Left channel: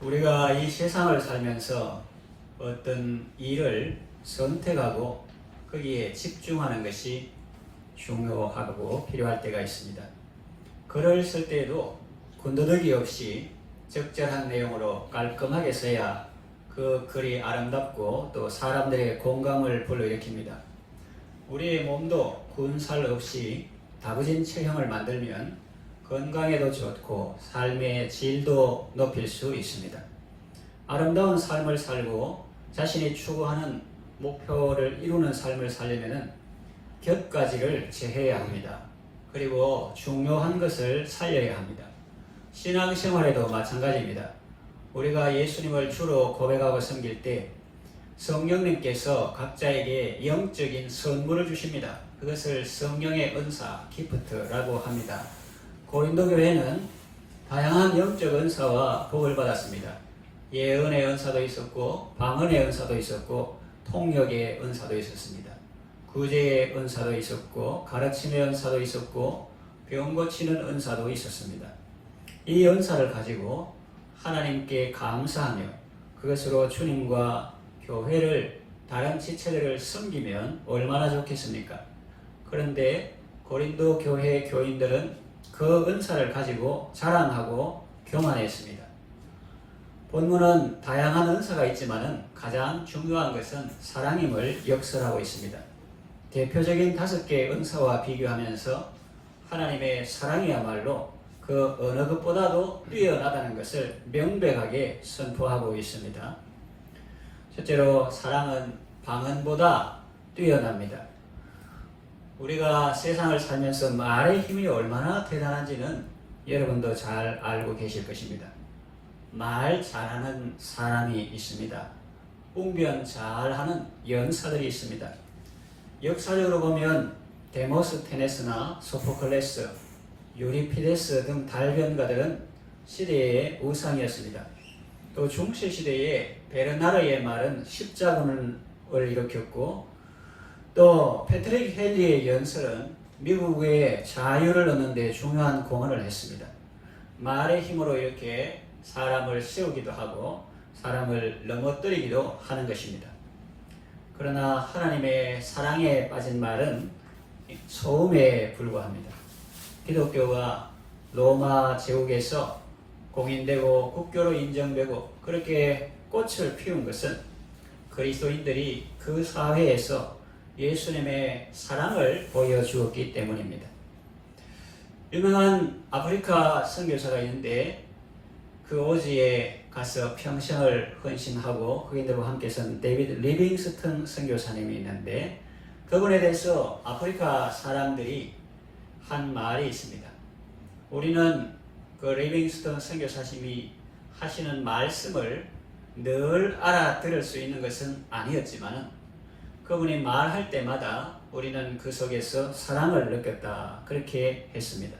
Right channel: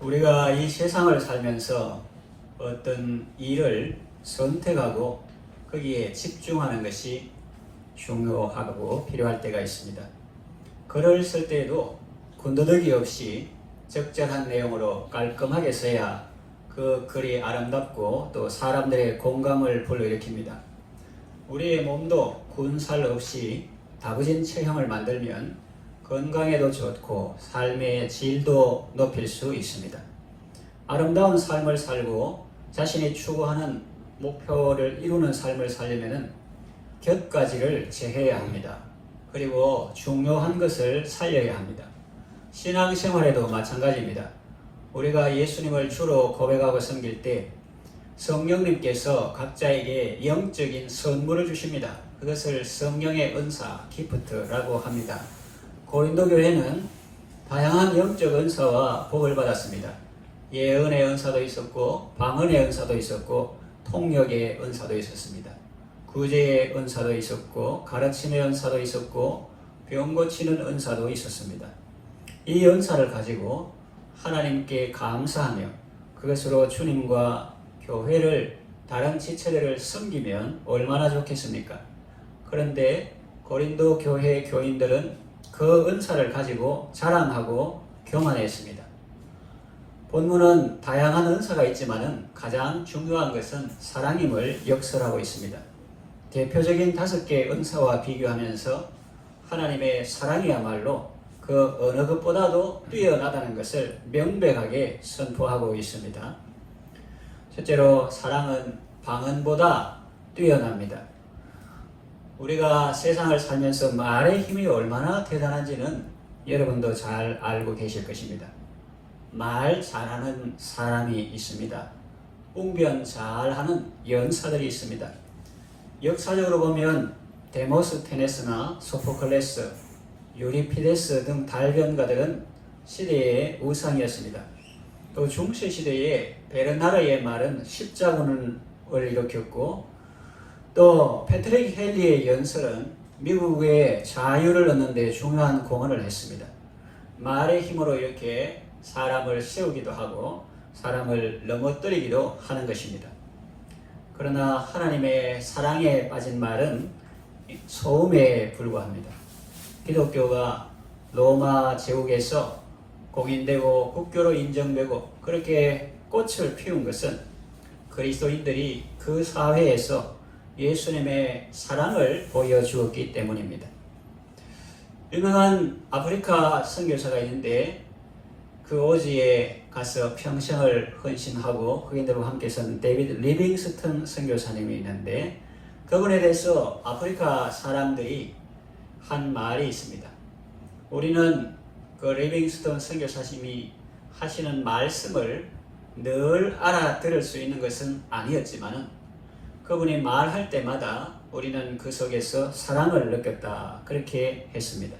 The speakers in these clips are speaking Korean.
우리가 이 세상을 살면서 어떤 일을 선택하고 거기에 집중하는 것이 중요하고 필요할 때가 있습니다. 글을 쓸 때에도 군더더기 없이 적절한 내용으로 깔끔하게 써야 그 글이 아름답고 또 사람들의 공감을 불러일으킵니다. 우리의 몸도 군살 없이 다부진 체형을 만들면 건강에도 좋고 삶의 질도 높일 수 있습니다. 아름다운 삶을 살고 자신이 추구하는 목표를 이루는 삶을 살려면 곁가지를 제해야 합니다. 그리고 중요한 것을 살려야 합니다. 신앙생활에도 마찬가지입니다. 우리가 예수님을 주로 고백하고 섬길 때 성령님께서 각자에게 영적인 선물을 주십니다. 그것을 성령의 은사, 기프트라고 합니다. 고린도 교회는 다양한 영적 은사와 복을 받았습니다. 예언의 은사도 있었고 방언의 은사도 있었고 통역의 은사도 있었습니다. 구제의 은사도 있었고 가르침의 은사도 있었고 병 고치는 은사도 있었습니다. 이 은사를 가지고 하나님께 감사하며 그것으로 주님과 교회를 다른 지체들을 섬기면 얼마나 좋겠습니까? 그런데 고린도 교회 교인들은 그 은사를 가지고 자랑하고 교만했습니다. 본문은 다양한 은사가 있지만 가장 중요한 것은 사랑임을 역설하고 있습니다. 대표적인 5개의 은사와 비교하면서 하나님의 사랑이야말로 그 어느 것보다도 뛰어나다는 것을 명백하게 선포하고 있습니다. 첫째로 사랑은 방언보다 뛰어납니다. 우리가 세상을 살면서 말의 힘이 얼마나 대단한지는 여러분도 잘 알고 계실 것입니다. 말 잘하는 사람이 있습니다. 웅변 잘하는 연사들이 있습니다. 역사적으로 보면 데모스테네스나 소포클레스, 유리피데스 등 달변가들은 시대의 우상이었습니다. 또 중세시대에 베르나르의 말은 십자군을 일으켰고 또 패트릭 헨리의 연설은 미국의 자유를 얻는 데 중요한 공헌을 했습니다. 말의 힘으로 이렇게 사람을 세우기도 하고 사람을 넘어뜨리기도 하는 것입니다. 그러나 하나님의 사랑에 빠진 말은 소음에 불과합니다. 기독교가 로마 제국에서 공인되고 국교로 인정되고 그렇게 꽃을 피운 것은 그리스도인들이 그 사회에서 예수님의 사랑을 보여주었기 때문입니다. 유명한 아프리카 선교사가 있는데 그 오지에 가서 평생을 헌신하고 그인들과 함께 선 데이비드 리빙스턴 선교사님이 있는데 그분에 대해서 아프리카 사람들이 한 말이 있습니다. 우리는 그 리빙스턴 선교사님이 하시는 말씀을 늘 알아들을 수 있는 것은 아니었지만 그분이 말할 때마다 우리는 그 속에서 사랑을 느꼈다. 그렇게 했습니다.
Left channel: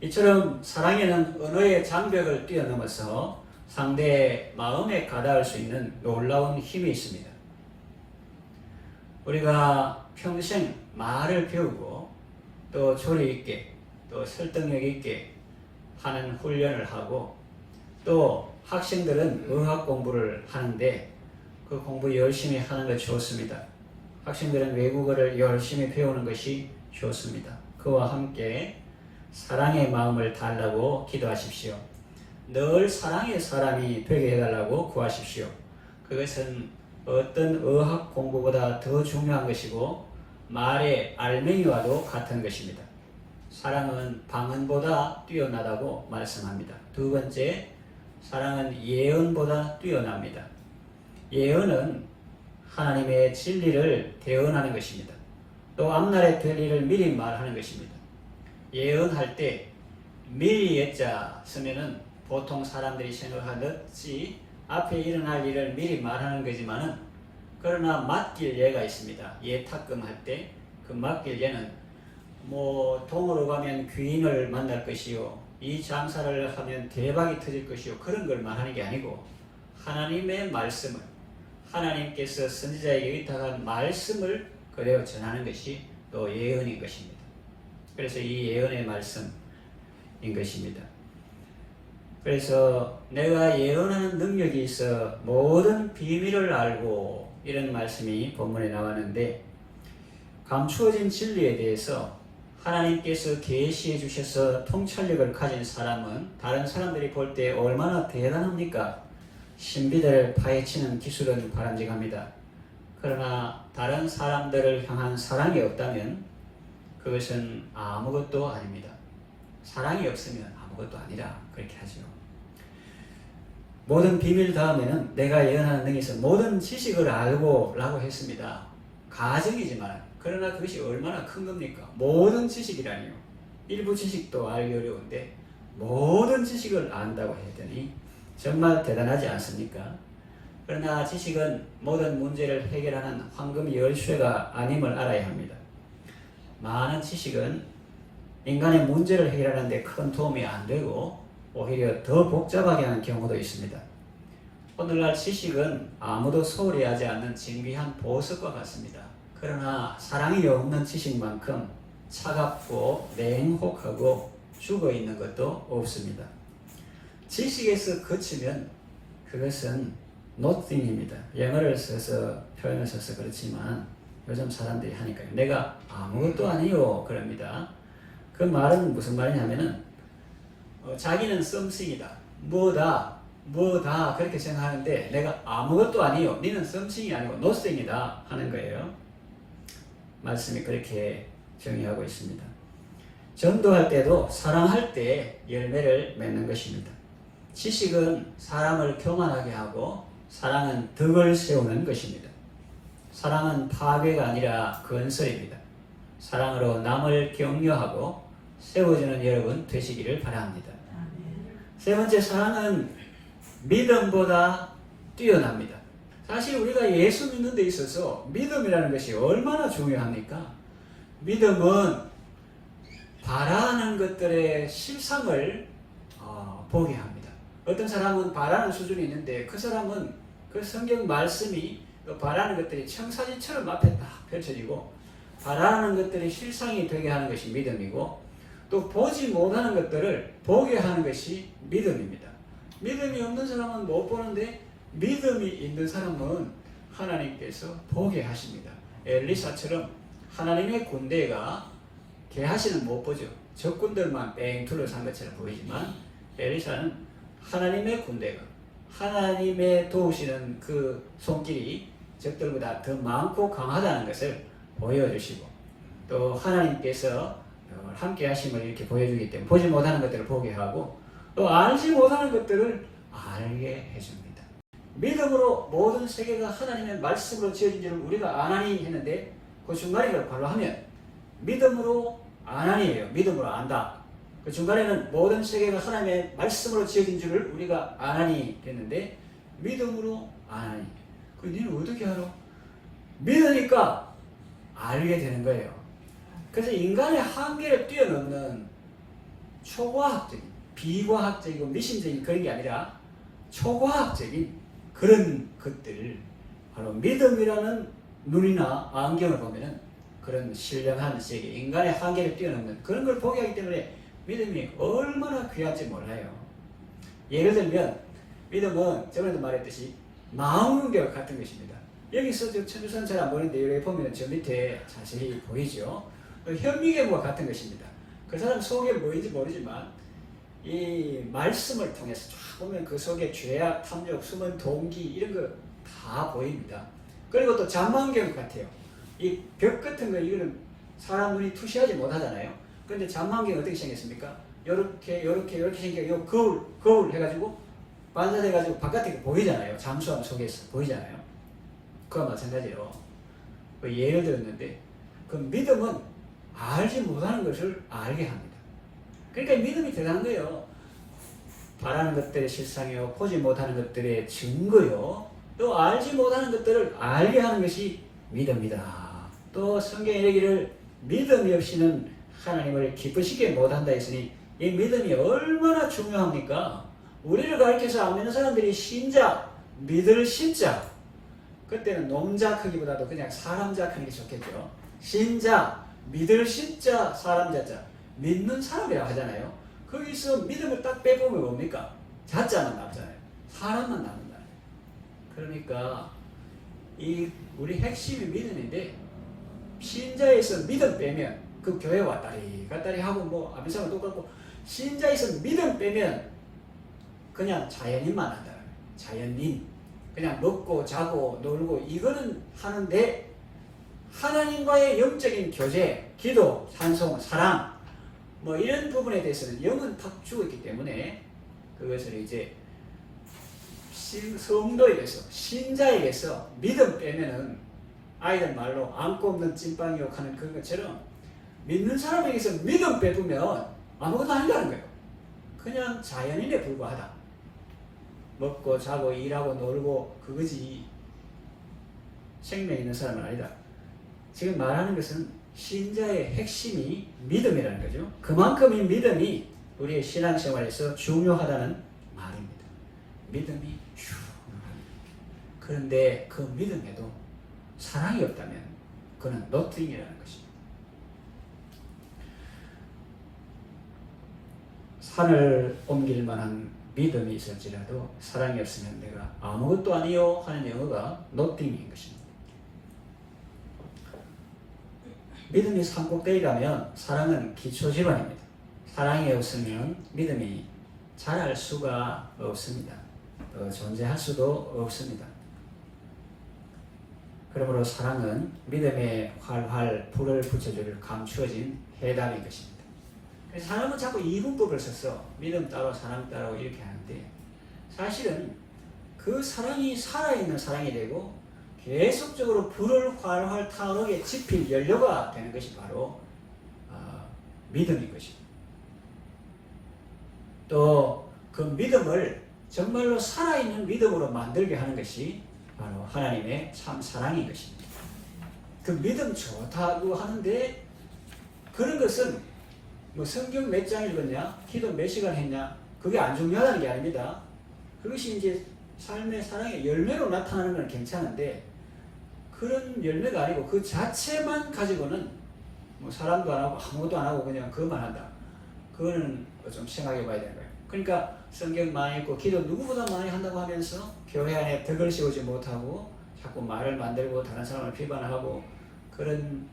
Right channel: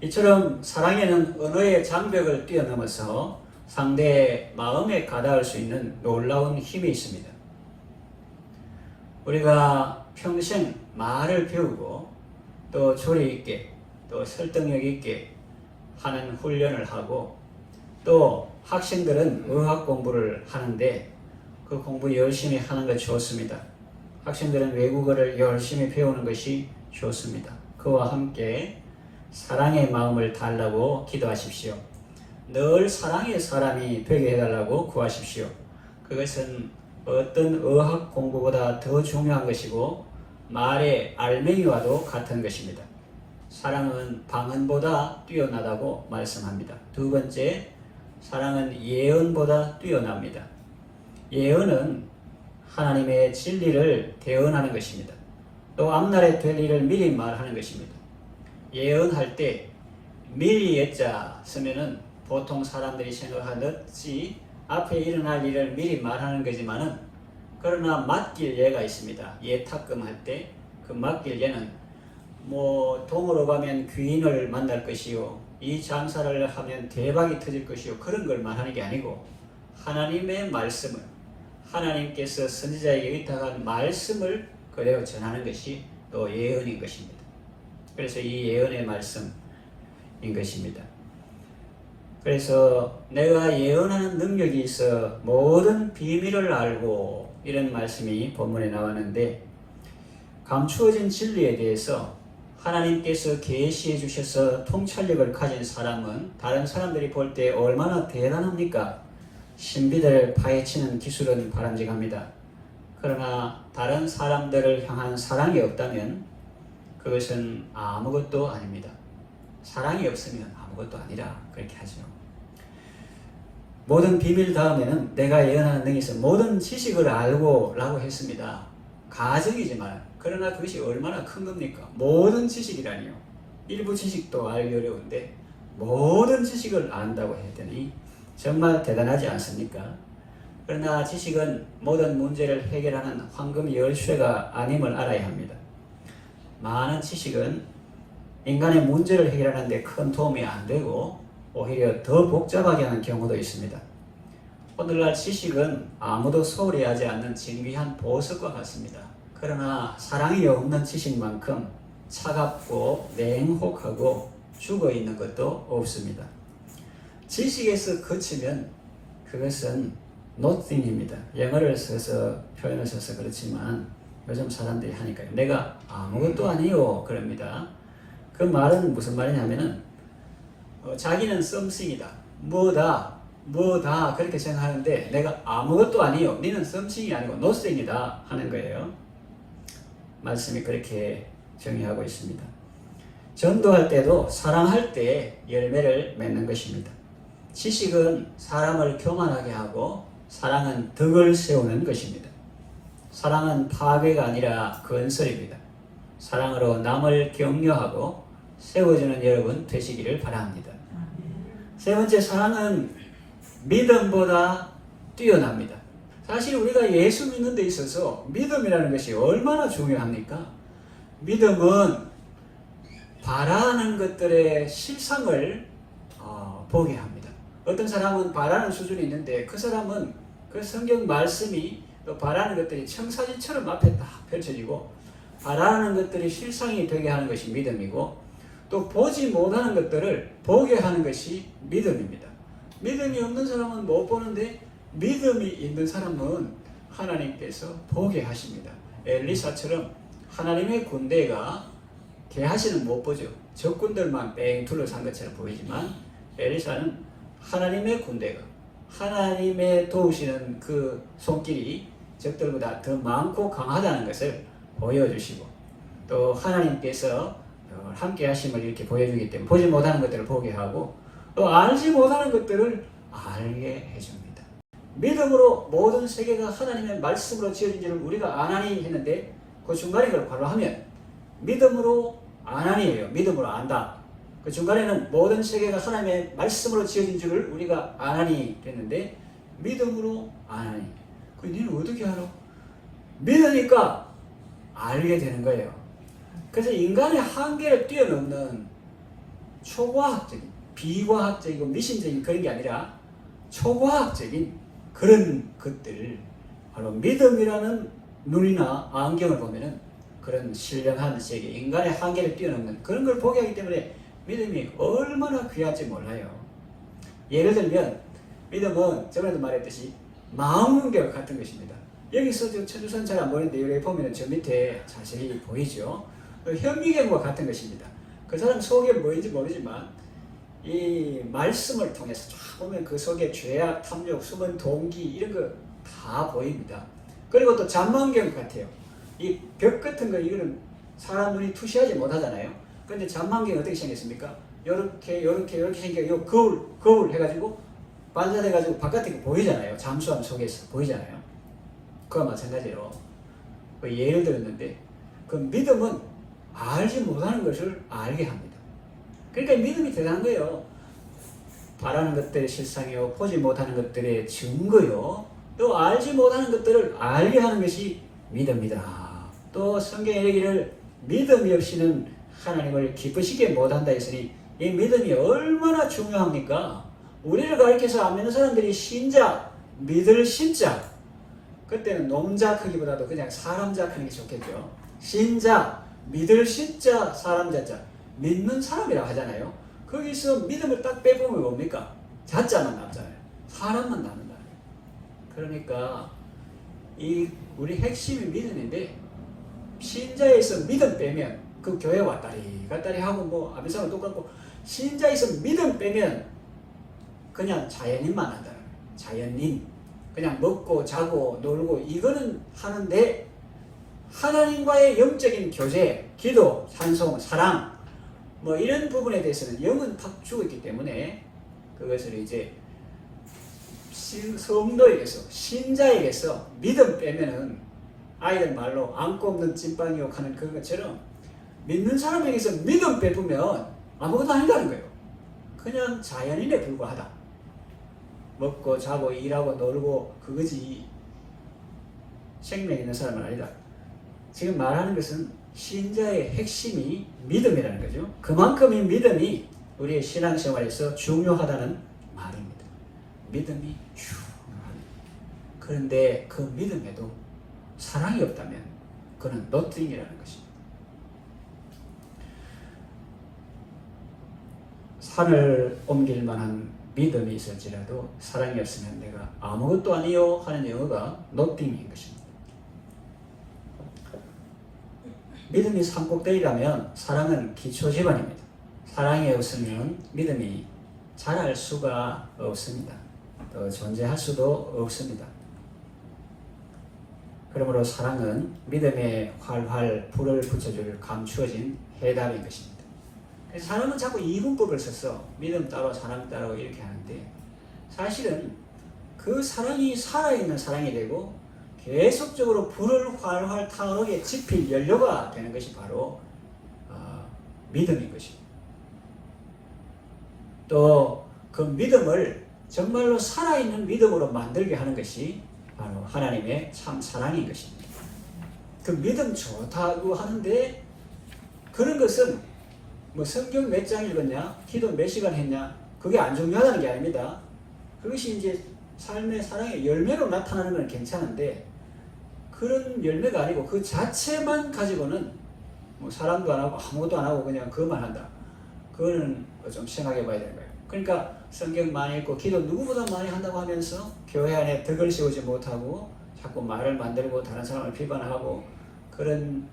이처럼 사랑에는 언어의 장벽을 뛰어넘어서 상대의 마음에 가닿을 수 있는 놀라운 힘이 있습니다. 우리가 평생 말을 배우고 또 조리 있게 또 설득력 있게 하는 훈련을 하고 또 학생들은 의학 공부를 하는데 그 공부 열심히 하는 것 좋습니다. 학생들은 외국어를 열심히 배우는 것이 좋습니다. 그와 함께 사랑의 마음을 달라고 기도하십시오. 늘 사랑의 사람이 되게 해달라고 구하십시오. 그것은 어떤 의학 공부보다 더 중요한 것이고 말의 알맹이와도 같은 것입니다. 사랑은 방언보다 뛰어나다고 말씀합니다. 두 번째, 사랑은 예언보다 뛰어납니다. 예언은 하나님의 진리를 대언하는 것입니다. 또 앞날에 될 일을 미리 말하는 것입니다. 예언할 때 미리 예자 쓰면은 보통 사람들이 생각하듯이 앞에 일어날 일을 미리 말하는 거지만은 그러나 맡길 예가 있습니다. 예 탁금할 때 그 맡길 예는 동으로 가면 귀인을 만날 것이요 이 장사를 하면 대박이 터질 것이요 그런 걸 말하는 게 아니고 하나님의 말씀을 하나님께서 선지자에게 의탁한 말씀을 그대로 전하는 것이 또 예언인 것입니다. 그래서 이 예언의 말씀인 것입니다. 그래서 내가 예언하는 능력이 있어 모든 비밀을 알고 이런 말씀이 본문에 나왔는데, 감추어진 진리에 대해서 하나님께서 계시해 주셔서 통찰력을 가진 사람은 다른 사람들이 볼 때 얼마나 대단합니까? 신비들을 파헤치는 기술은 바람직합니다. 그러나 다른 사람들을 향한 사랑이 없다면 그것은 아무것도 아닙니다. 사랑이 없으면 아무것도 아니라 그렇게 하죠. 모든 비밀 다음에는 내가 예언하는 능력이 있어 모든 지식을 알고 라고 했습니다. 가정이지만 그러나 그것이 얼마나 큰 겁니까? 모든 지식이라니요. 일부 지식도 알기 어려운데 모든 지식을 안다고 했더니 정말 대단하지 않습니까? 그러나 지식은 모든 문제를 해결하는 황금 열쇠가 아님을 알아야 합니다. 많은 지식은 인간의 문제를 해결하는 데 큰 도움이 안 되고 오히려 더 복잡하게 하는 경우도 있습니다. 오늘날 지식은 아무도 소홀히 하지 않는 진귀한 보석과 같습니다. 그러나 사랑이 없는 지식만큼 차갑고 냉혹하고 죽어있는 것도 없습니다. 지식에서 그치면 그것은 nothing입니다. 영어를 써서 표현을 써서 그렇지만 요즘 사람들이 하니까 내가 아무것도 아니요 그럽니다. 그 말은 무슨 말이냐면은 자기는 something이다, 뭐다 그렇게 생각하는데 내가 아무것도 아니요, 니는 something이 아니고 nothing이다 하는 거예요. 말씀이 그렇게 정의하고 있습니다. 전도할 때도 사랑할 때 열매를 맺는 것입니다. 지식은 사람을 교만하게 하고 사랑은 덕을 세우는 것입니다. 사랑은 파괴가 아니라 건설입니다. 사랑으로 남을 격려하고 세워주는 여러분 되시기를 바랍니다. 세 번째, 사랑은 믿음보다 뛰어납니다. 사실 우리가 예수 믿는 데 있어서 믿음이라는 것이 얼마나 중요합니까? 믿음은 바라는 것들의 실상을 보게 합니다. 어떤 사람은 바라는 수준이 있는데 그 사람은 그 성경 말씀이 또 바라는 것들이 청사진처럼 앞에 딱 펼쳐지고 바라는 것들이 실상이 되게 하는 것이 믿음이고, 또 보지 못하는 것들을 보게 하는 것이 믿음입니다. 믿음이 없는 사람은 못 보는데 믿음이 있는 사람은 하나님께서 보게 하십니다. 엘리사처럼 하나님의 군대가 게하시는 못 보죠. 적군들만 뺑 둘러싼 것처럼 보이지만 엘리사는 하나님의 군대가, 하나님의 도우시는 그 손길이 적들보다 더 많고 강하다는 것을 보여주시고, 또 하나님께서 함께 하심을 이렇게 보여주기 때문에 보지 못하는 것들을 보게 하고 또 알지 못하는 것들을 알게 해줍니다. 믿음으로 모든 세계가 하나님의 말씀으로 지어진 줄을 우리가 아나니 했는데 그 중간에 그걸 바로 하면 믿음으로 아나니예요. 믿음으로 안다. 그 중간에는 모든 세계가 하나님의 말씀으로 지어진 줄을 우리가 아나니 했는데 믿음으로 아나니. 그 니는 어떻게 하노? 믿으니까 알게 되는 거예요. 그래서 인간의 한계를 뛰어넘는 초과학적인, 비과학적이고 미심적인 그런 게 아니라 초과학적인 그런 것들, 바로 믿음이라는 눈이나 안경을 보면은 그런 신령한 세계, 인간의 한계를 뛰어넘는 그런 걸 보게 하기 때문에 믿음이 얼마나 귀할지 몰라요. 예를 들면 믿음은 저번에도 말했듯이 망원경 같은 것입니다. 여기서 천주선 잘 안 보이는데 여기 보면 저 밑에 자세히 보이죠. 현미경과 같은 것입니다. 그 사람 속에 뭐인지 모르지만 이 말씀을 통해서 쫙 보면 그 속에 죄악, 탐욕, 숨은 동기 이런 거 다 보입니다. 그리고 또 잔망경 같아요. 이 벽 같은 거 이거는 사람 눈이 투시하지 못하잖아요. 그런데 잔망경 어떻게 생겼습니까? 요렇게 생겨 요 거울 해가지고 반사돼가지고 바깥에 보이잖아요. 잠수함 속에서 보이잖아요. 그와 마찬가지로 예를 들었는데 그 믿음은 알지 못하는 것을 알게 합니다. 그러니까 믿음이 대단한 거예요. 바라는 것들의 실상이요, 보지 못하는 것들의 증거요, 또 알지 못하는 것들을 알게 하는 것이 믿음이다. 또 성경에 이르기를 믿음이 없이는 하나님을 기쁘시게 못한다 했으니 이 믿음이 얼마나 중요합니까? 우리를 가르쳐서 안 믿는 사람들이 신자, 믿을 신자, 그때는 놈자 크기보다도 그냥 사람자 크는 게 좋겠죠. 신자, 믿을 신자, 사람자자, 믿는 사람이라고 하잖아요. 거기서 믿음을 딱 빼보면 뭡니까? 자자만 남잖아요. 사람만 남는다. 그러니까 이 우리 핵심이 믿음인데 신자에서 믿음 빼면 그 교회 왔다리 갔다리 하고 뭐 아멘사랑 똑같고 신자에서 믿음 빼면 그냥 자연인만 한다. 자연인 그냥 먹고 자고 놀고 이거는 하는데 하나님과의 영적인 교제, 기도, 찬송, 사랑 뭐 이런 부분에 대해서는 영은 탁 죽었기 때문에 그것을 이제 성도에게서 신자에게서 믿음 빼면은 아이들 말로 안고 없는 찐빵이욕 하는 그것처럼 믿는 사람에게서 믿음 빼보면 아무것도 아니라는 거예요. 그냥 자연인에 불과하다. 먹고 자고 일하고 놀고 그거지 생명 있는 사람은 아니다. 지금 말하는 것은 신자의 핵심이 믿음이라는 거죠. 그만큼 이 믿음이 우리의 신앙생활에서 중요하다는 말입니다. 믿음이 중요합니다. 그런데 그 믿음에도 사랑이 없다면 그는 nothing이라는 것입니다. 산을 옮길 만한 믿음이 있을지라도 사랑이 없으면 내가 아무것도 아니요 하는 영어가 nothing인 것입니다. 믿음이 산꼭대기 가면 사랑은 기초지반입니다. 사랑이 없으면 믿음이 자랄 수가 없습니다. 또 존재할 수도 없습니다. 그러므로 사랑은 믿음에 활활 불을 붙여줄 감추어진 해답인 것입니다. 사람은 자꾸 이분법을 써서 믿음 따로 사랑 따로 이렇게 하는데 사실은 그 사랑이 살아있는 사랑이 되고 계속적으로 불을 활활 타오르게 지필 연료가 되는 것이 바로 믿음인 것입니다. 또 그 믿음을 정말로 살아있는 믿음으로 만들게 하는 것이 바로 하나님의 참 사랑인 것입니다. 그 믿음 좋다고 하는데 그런 것은 뭐 성경 몇 장 읽었냐, 기도 몇 시간 했냐, 그게 안 중요하다는 게 아닙니다. 그것이 이제 삶의 사랑의 열매로 나타나는 건 괜찮은데 그런 열매가 아니고 그 자체만 가지고는 뭐 사랑도 안 하고 아무것도 안 하고 그냥 그것만 한다. 그거는 좀 생각해 봐야 되는 거예요. 그러니까 성경 많이 읽고 기도 누구보다 많이 한다고 하면서 교회 안에 덕을 세우지 못하고 자꾸 말을 만들고 다른 사람을 비판하고 그런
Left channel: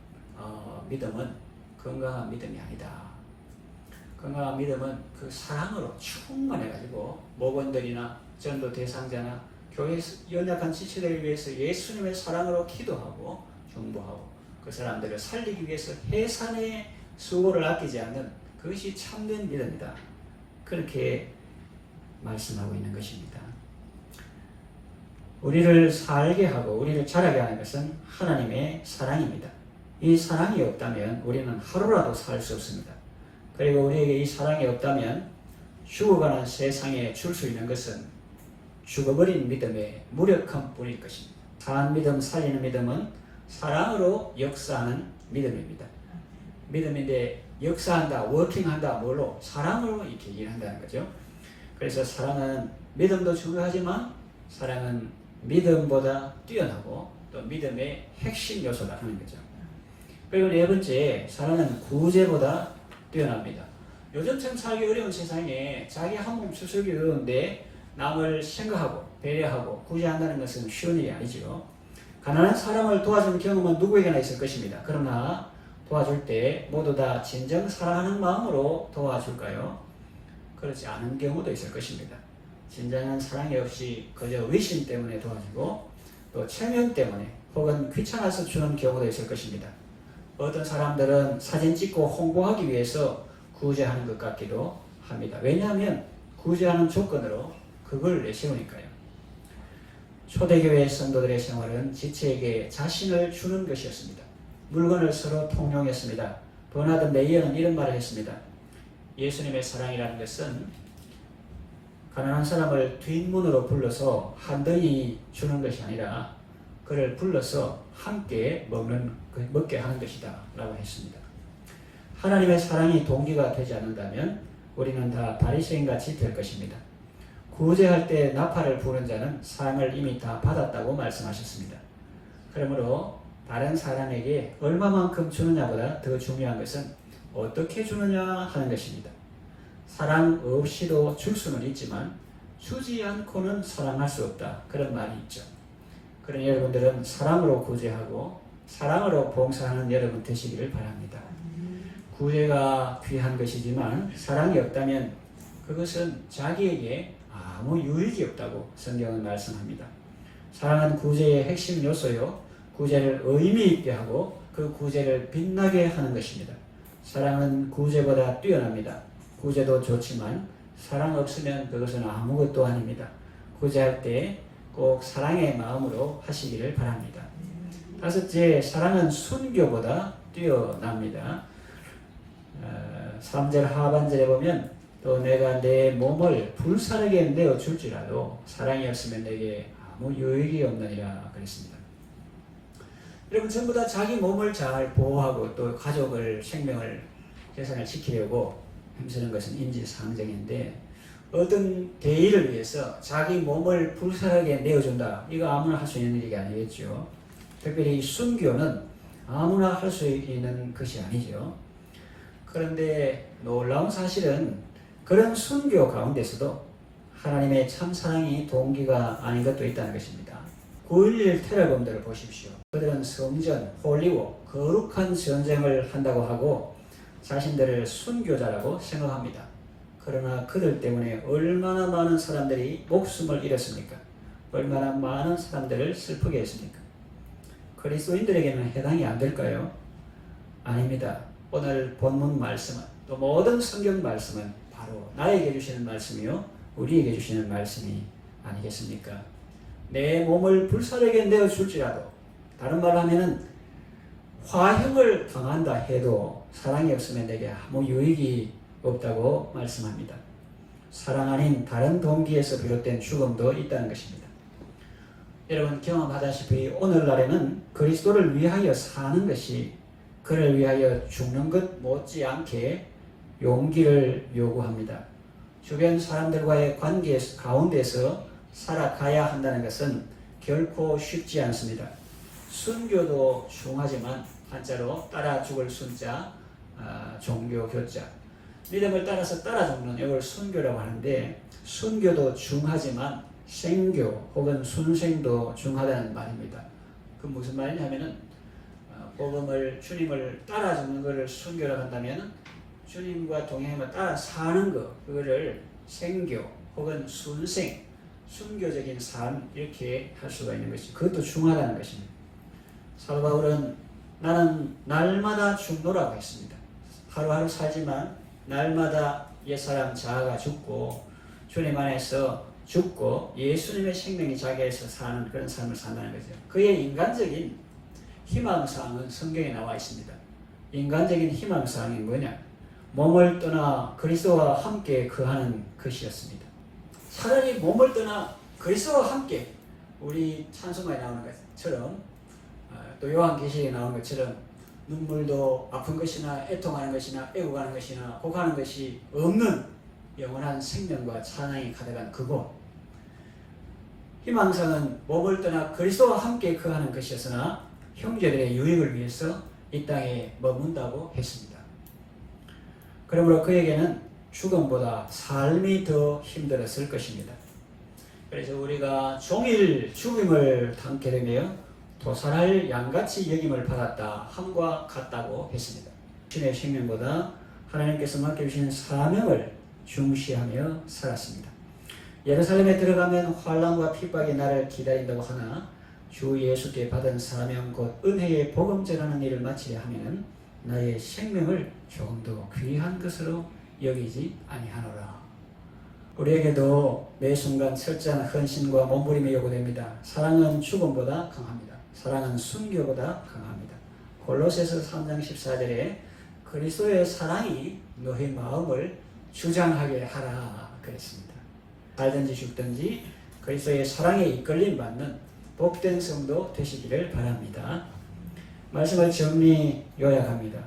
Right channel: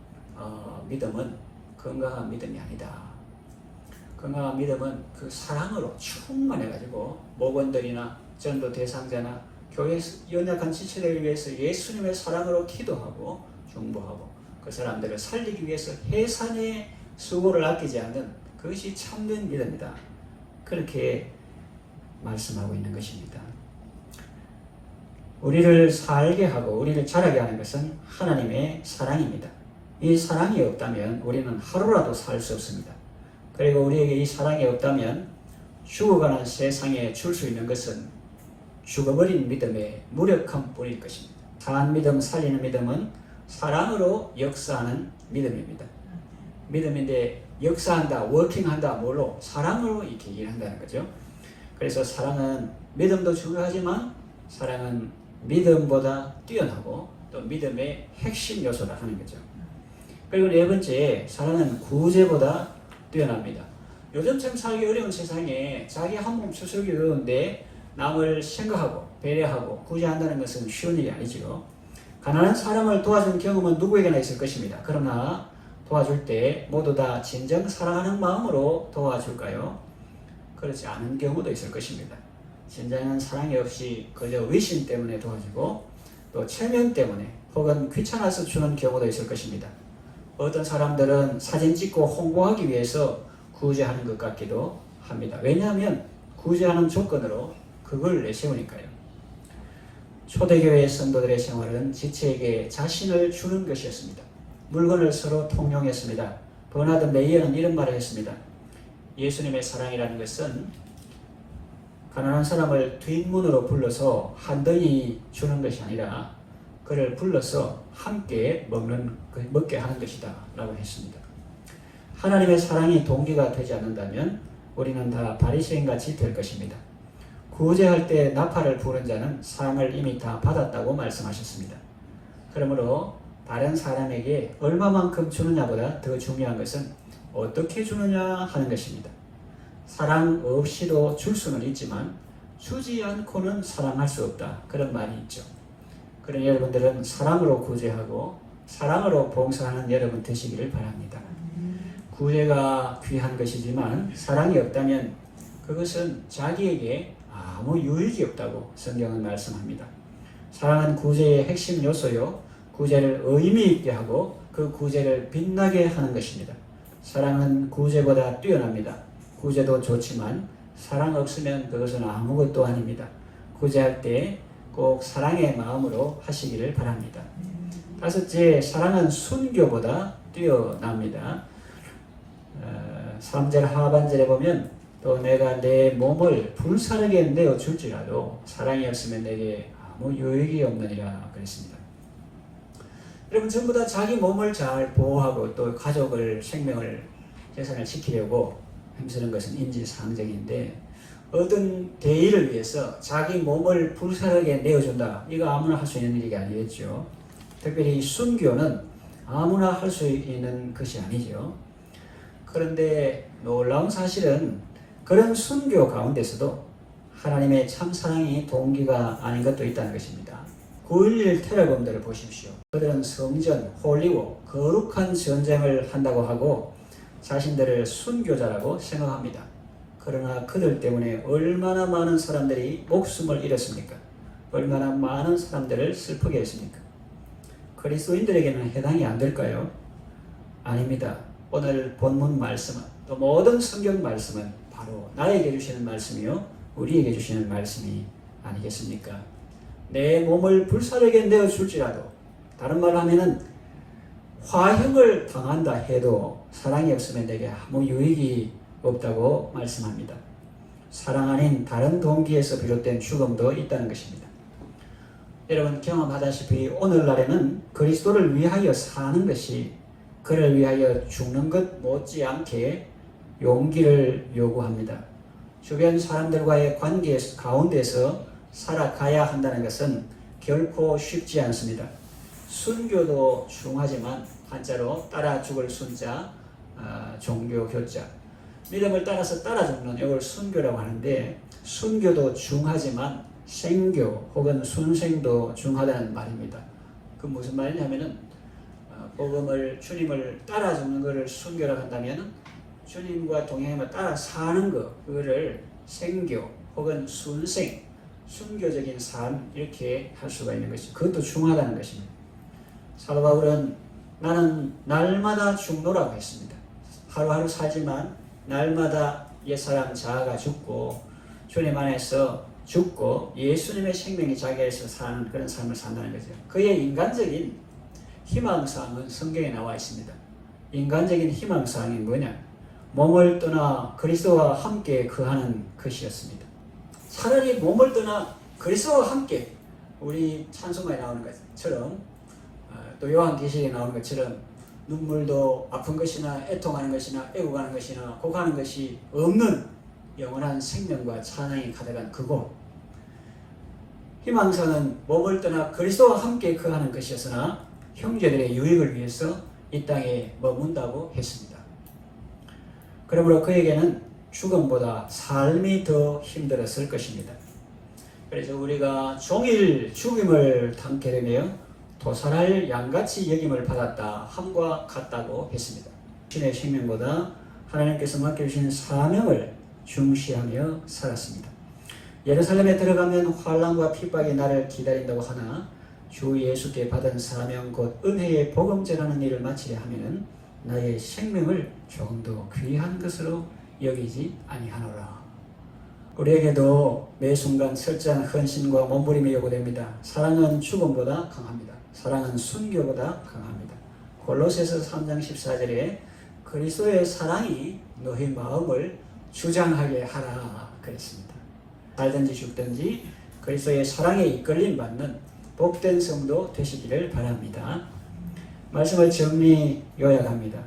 믿음은 건강한 믿음이 아니다. 건강한 믿음은 그 사랑으로 충만해가지고 목원들이나 전도 대상자나 교회 연약한 지체들을 위해서 예수님의 사랑으로 기도하고 중보하고 그 사람들을 살리기 위해서 해산의 수고를 아끼지 않는 그것이 참된 믿음이다. 그렇게 말씀하고 있는 것입니다. 우리를 살게 하고 우리를 자라게 하는 것은 하나님의 사랑입니다. 이 사랑이 없다면 우리는 하루라도 살 수 없습니다. 그리고 우리에게 이 사랑이 없다면 죽어가는 세상에 줄 수 있는 것은 죽어버린 믿음의 무력함 뿐일 것입니다. 산 믿음, 살리는 믿음은 사랑으로 역사하는 믿음입니다. 믿음인데 역사한다, 워킹한다, 뭘로? 사랑으로 이렇게 일한다는 거죠. 그래서 사랑은 믿음도 중요하지만 사랑은 믿음보다 뛰어나고 또 믿음의 핵심 요소다 하는 거죠. 그리고 네 번째, 사랑은 구제보다 뛰어납니다. 요즘처럼 살기 어려운 세상에 자기 한 몸 추석이 어려운데 남을 생각하고 배려하고 구제한다는 것은 쉬운 일이 아니지요. 가난한 사람을 도와준 경험은 누구에게나 있을 것입니다. 그러나 도와줄 때 모두 다 진정 사랑하는 마음으로 도와줄까요? 그렇지 않은 경우도 있을 것입니다. 진정한 사랑이 없이 그저 의심 때문에 도와주고 또 체면 때문에 혹은 귀찮아서 주는 경우도 있을 것입니다. 어떤 사람들은 사진 찍고 홍보하기 위해서 구제하는 것 같기도 합니다. 왜냐하면 구제하는 조건으로 그걸 내세우니까요. 초대교회 성도들의 생활은 지체에게 자신을 주는 것이었습니다. 물건을 서로 통용했습니다. 버나드 메이어는 이런 말을 했습니다. 예수님의 사랑이라는 것은 가난한 사람을 뒷문으로 불러서 한덩이 주는 것이 아니라 그를 불러서 함께 먹게 하는 것이다 라고 했습니다. 하나님의 사랑이 동기가 되지 않는다면 우리는 다 바리새인같이 될 것입니다. 구제할 때 나팔을 부는 자는 상을 이미 다 받았다고 말씀하셨습니다. 그러므로 다른 사람에게 얼마만큼 주느냐보다 더 중요한 것은 어떻게 주느냐 하는 것입니다. 사랑 없이도 줄 수는 있지만 주지 않고는 사랑할 수 없다. 그런 말이 있죠. 그러니 여러분들은 사랑으로 구제하고 사랑으로 봉사하는 여러분 되시기를 바랍니다. 구제가 귀한 것이지만 사랑이 없다면 그것은 자기에게 아무 유익이 없다고 성경은 말씀합니다. 사랑은 구제의 핵심 요소요. 구제를 의미 있게 하고 그 구제를 빛나게 하는 것입니다. 사랑은 구제보다 뛰어납니다. 구제도 좋지만 사랑 없으면 그것은 아무것도 아닙니다. 구제할 때 꼭 사랑의 마음으로 하시기를 바랍니다. 다섯째, 사랑은 순교보다 뛰어납니다. 3절 하반절에 보면 또 내가 내 몸을 불사르게 내어줄지라도 사랑이 없으면 내게 아무 유익이 없느니라 그랬습니다. 여러분 전부 다 자기 몸을 잘 보호하고 또 가족을 생명을 재산을 지키려고 힘쓰는 것은 인지상정인데 어떤 대의를 위해서 자기 몸을 불사르게 내어준다. 이거 아무나 할 수 있는 일이 아니겠죠. 특별히 순교는 아무나 할 수 있는 것이 아니죠. 그런데 놀라운 사실은 그런 순교 가운데서도 하나님의 참사랑이 동기가 아닌 것도 있다는 것입니다. 9.11 테러범들을 보십시오. 그들은 성전, 홀리고 거룩한 전쟁을 한다고 하고 자신들을 순교자라고 생각합니다. 그러나 그들 때문에 얼마나 많은 사람들이 목숨을 잃었습니까? 얼마나 많은 사람들을 슬프게 했습니까? 그리스도인들에게는 해당이 안 될까요? 아닙니다. 오늘 본문 말씀은 또 모든 성경 말씀은 바로 나에게 주시는 말씀이요 우리에게 주시는 말씀이 아니겠습니까? 내 몸을 불사르게 내어줄지라도 다른 말로 하면은 화형을 당한다 해도 사랑이 없으면 내게 아무 유익이 없다고 말씀합니다. 사랑 아닌 다른 동기에서 비롯된 죽음도 있다는 것입니다. 여러분 경험하다시피 오늘날에는 그리스도를 위하여 사는 것이 그를 위하여 죽는 것 못지않게 용기를 요구합니다. 주변 사람들과의 관계 가운데서 살아가야 한다는 것은 결코 쉽지 않습니다. 순교도 중하지만 한자로 따라 죽을 순자, 종교 교자. 믿음을 따라서 따라 죽는 이걸 순교라고 하는데 순교도 중하지만 생교 혹은 순생도 중하다는 말입니다. 그 무슨 말이냐면은 복음을 주님을 따라 죽는 것을 순교라고 한다면 주님과 동행하며 따라 사는 것 그거를 생교 혹은 순생 순교적인 삶 이렇게 할 수가 있는 것이죠. 그것도 중하다는 것입니다. 사도 바울은 나는 날마다 죽노라고 했습니다. 하루하루 살지만 날마다 옛사람 자아가 죽고 주님 안에서 죽고 예수님의 생명이 자기에서 사는 그런 삶을 산다는 거죠. 그의 인간적인 희망사항은 성경에 나와 있습니다. 인간적인 희망사항이 뭐냐? 몸을 떠나 그리스도와 함께 거하는 것이었습니다. 차라리 몸을 떠나 그리스도와 함께 우리 찬송가에 나오는 것처럼 또 요한계시록에 나오는 것처럼 눈물도 아픈 것이나 애통하는 것이나 애고가는 것이나 곡하는 것이 없는 영원한 생명과 찬양이 가득한 그곳. 희망사는 몸을 떠나 그리스도와 함께 거하는 것이었으나 형제들의 유익을 위해서 이 땅에 머문다고 했습니다. 그러므로 그에게는 죽음보다 삶이 더 힘들었을 것입니다. 그래서 우리가 종일 죽임을 당케 되며 도살할 양같이 여김을 받았다 함과 같다고 했습니다. 신의 생명보다 하나님께서 맡겨주신 사명을 중시하며 살았습니다. 예루살렘에 들어가면 환난과 핍박이 나를 기다린다고 하나 주 예수께 받은 사명 곧 은혜의 복음 전하는 일을 마치려 하면 나의 생명을 조금 더 귀한 것으로 여기지 아니하노라. 우리에게도 매 순간 철저한 헌신과 몸부림이 요구됩니다. 사랑은 죽음보다 강합니다. 사랑은 순교보다 강합니다. 골로새서 3장 14절에 그리스도의 사랑이 너희 마음을 주장하게 하라 그랬습니다. 살든지 죽든지 그리스도의 사랑에 이끌림 받는 복된 성도 되시기를 바랍니다. 말씀을 정리 요약합니다.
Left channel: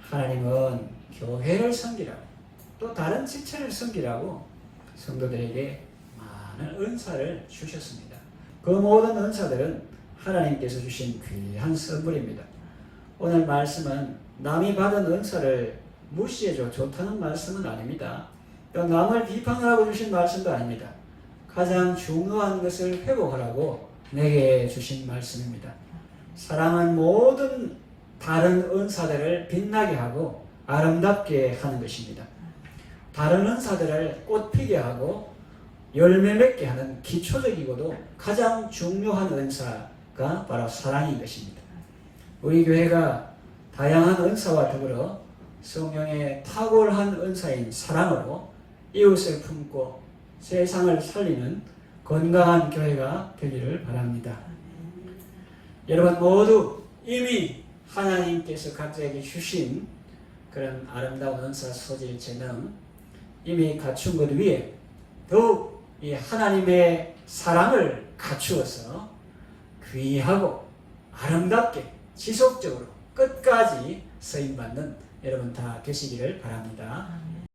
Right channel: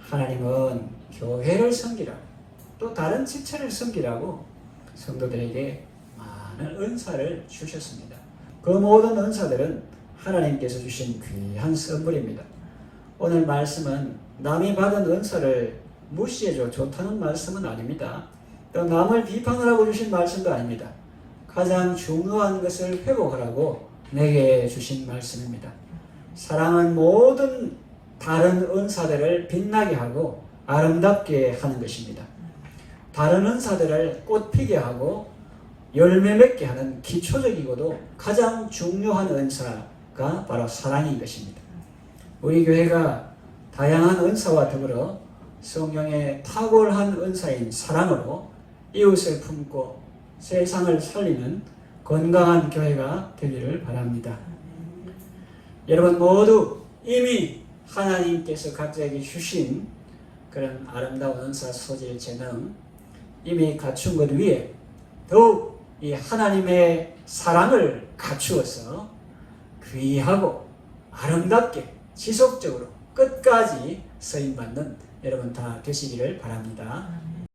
하나님은 교회를 섬기라고 또 다른 직책을 섬기라고 성도들에게 많은 은사를 주셨습니다. 그 모든 은사들은 하나님께서 주신 귀한 선물입니다. 오늘 말씀은 남이 받은 은사를 무시해줘 좋다는 말씀은 아닙니다. 또 남을 비판하라고 주신 말씀도 아닙니다. 가장 중요한 것을 회복하라고 내게 주신 말씀입니다. 사랑은 모든 다른 은사들을 빛나게 하고 아름답게 하는 것입니다. 다른 은사들을 꽃피게 하고 열매 맺게 하는 기초적이고도 가장 중요한 은사가 바로 사랑인 것입니다. 우리 교회가 다양한 은사와 더불어 성령의 탁월한 은사인 사랑으로 이웃을 품고 세상을 살리는 건강한 교회가 되기를 바랍니다. 여러분 모두 이미 하나님께서 각자에게 주신 그런 아름다운 은사, 소질, 재능 이미 갖춘 것 위에 더욱 이 하나님의 사랑을 갖추어서 귀하고 아름답게 지속적으로 끝까지 쓰임받는 여러분 다 되시기를 바랍니다.